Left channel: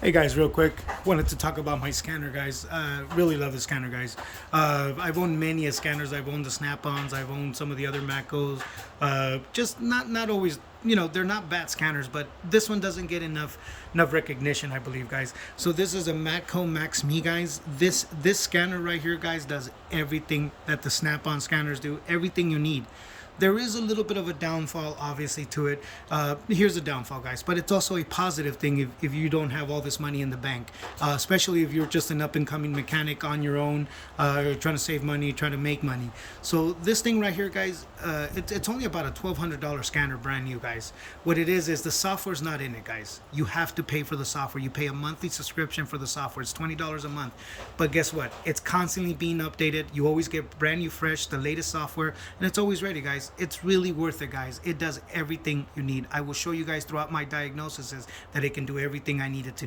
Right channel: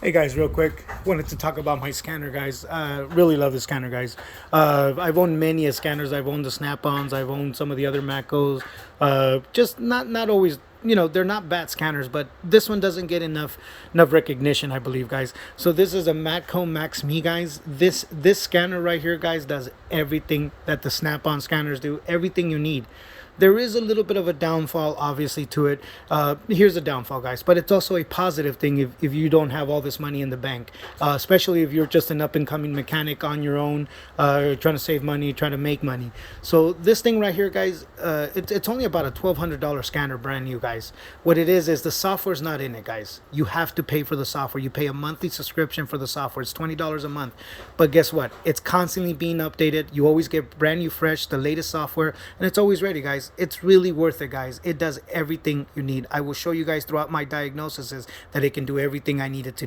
Hey guys, real quick, wanted to talk about my scanner, guys. Really love the scanner, guys. I've owned many scanners. I've owned the Snap-ons. I've owned some of the other Matcos. Just not always, they're not bad scanners, but this one doesn't get enough recognition, I believe, guys. So this is a Matco Max-Me, guys. This scanner right here, guys, does everything that the Snap-on scanners do. Everything you need. There is a little bit of a downfall, obviously, to it. Here's a downfall, guys, but it's also a positive thing if you don't have all this money in the bank, especially if you're just an up-and-coming mechanic on your own, trying to save money, trying to make money. So this thing right here, guys, it's only about a $1,200 scanner, brand new, guys. What it is the software's not in it, guys. You have to pay for the software. You pay a monthly subscription for the software. It's $20 a month. But guess what? It's constantly being updated. You always get brand new, fresh, the latest software, and it's always ready, guys. It's really worth it, guys. It does everything you need. I will show you guys throughout my diagnoses that it can do everything I needed to.